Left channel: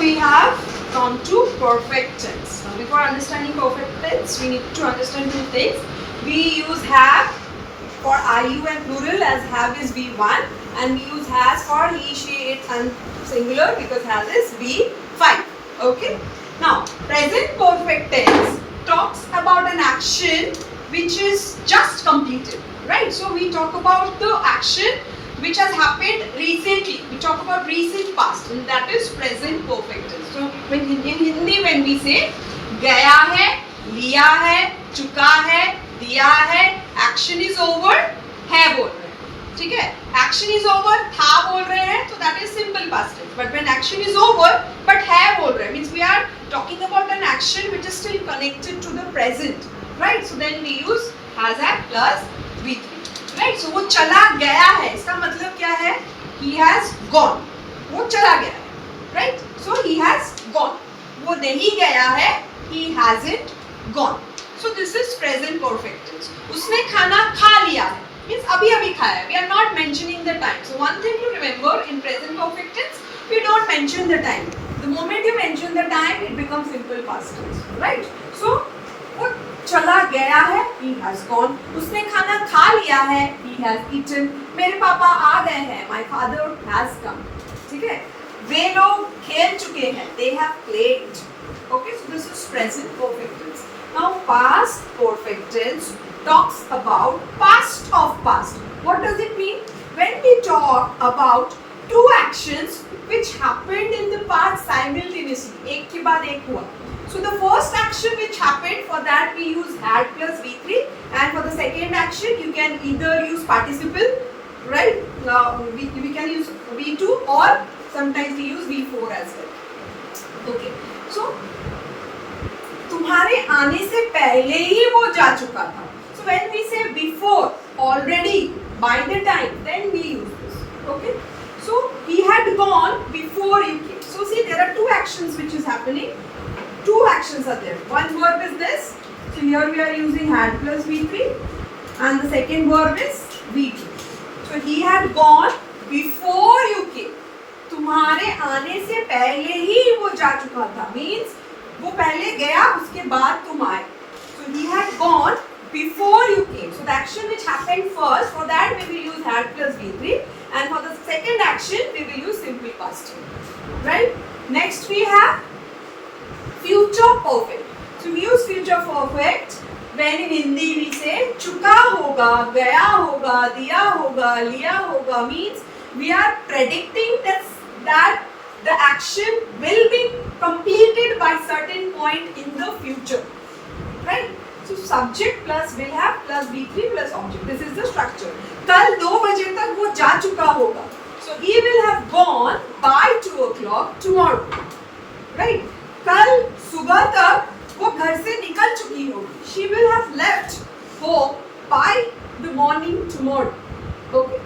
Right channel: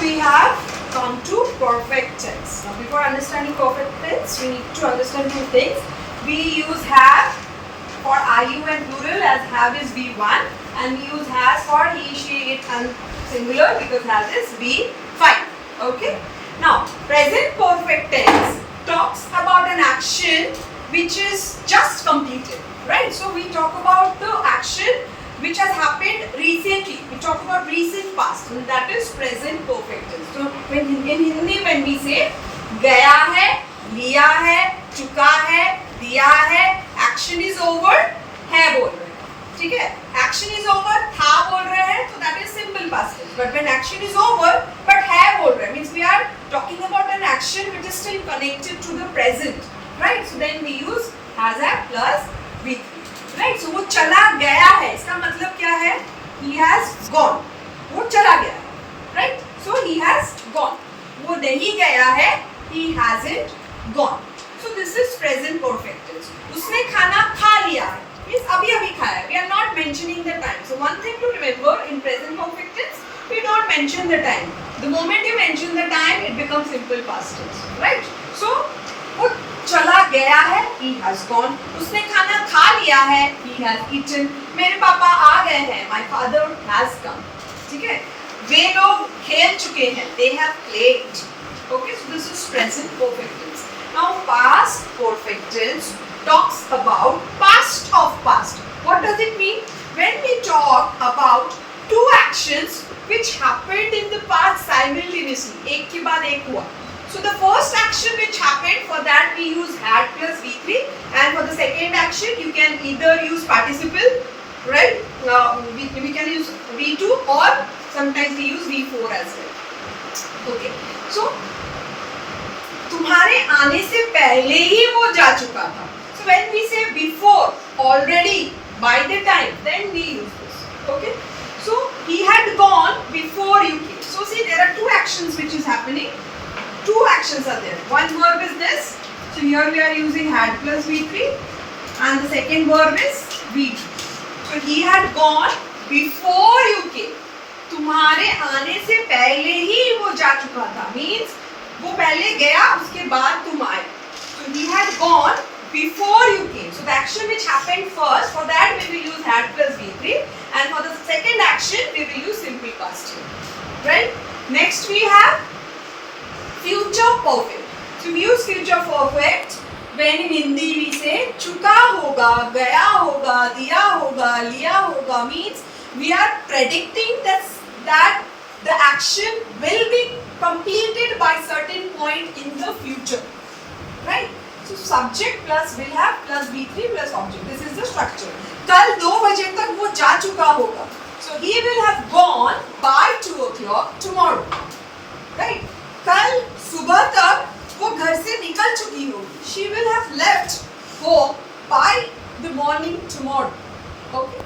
we have come to perfect tense. Now before understanding perfect tense, we need to understand two things. We use have for IU and plural, as have is V1, and we use has for he, she, it and singular because has is V5. Okay. Now present perfect tense talks about an action which is just completed, right? So we talk about the action which has happened recently. We talk about recent past, and that is present perfect tense. So in Hindi when we say गया है, लिया है, चुका है, दिया है, action is over, है बोल रहे हैं, ठीक है? Action is over, था बोल रहे हैं, तो that is simple past tense. But when action is over, but है बोल रहे हैं, means we are talking about an action which is still connected to the present, right? So then we use has have plus V3. Right, so वो चला गया है, इसका मतलब क्या है? He has gone. वो चला गया है, right? So he has gone. वो नहीं गया है, he hasn't gone. So this is present perfect tense. उसने खाना खा लिया है, means अभी अभी खाया है. We are not mentioning the time. So one thing to remember in present perfect tense, we don't mention the time. The moment you mention the time, it becomes simple past tense, right? So वो चला गया है, he has gone. उसने खाना खा लिया है, he has eaten. मेरे पापा आ गए हैं, my father has come. ठीक है? वे लोग खेल चुके हैं, they have played. Okay, so this is present perfect tense. Now past perfect tense talks about past of past. What does it mean? When we talk about two actions which happened in the past simultaneously, एक के बाद एक हुआ. So the first action which happened, for that we use had plus V3, and for the second action you can either use participle, right? We can use V2 or sometimes we use V4 as well. Okay. So तुम्हारे आने से पहले ही वो जा चुका था. So when we say before, already, by the time, then we use this. Okay. So he had gone before you came. So see, there are two actions which is happening. Two actions are there. One verb is this. So here we are using had plus V3, and the second verb is V2. So he had gone before you came. तुम्हारे आने से पहले ही वो जा चुका था. Means वो पहले गया, उसके बाद तुम आए. So he had gone before you came. So the action which happened first, for that we will use had plus V3, and for the second action we will use simple past tense. Right? Next we have future perfect. So we use future perfect when in Hindi we say चुका होगा, गया होगा, दिया होगा, लिया होगा. Means we are predicting that the action will be completed by certain point in the future, right? So subject plus will have plus V3 plus object. This is the structure. कल 2 बजे तक वो जा चुका होगा. So he will have gone by 2 o'clock tomorrow, right? कल सुबह तक वो घर से निकल चुकी होगी. She will have left home by the morning tomorrow. Okay.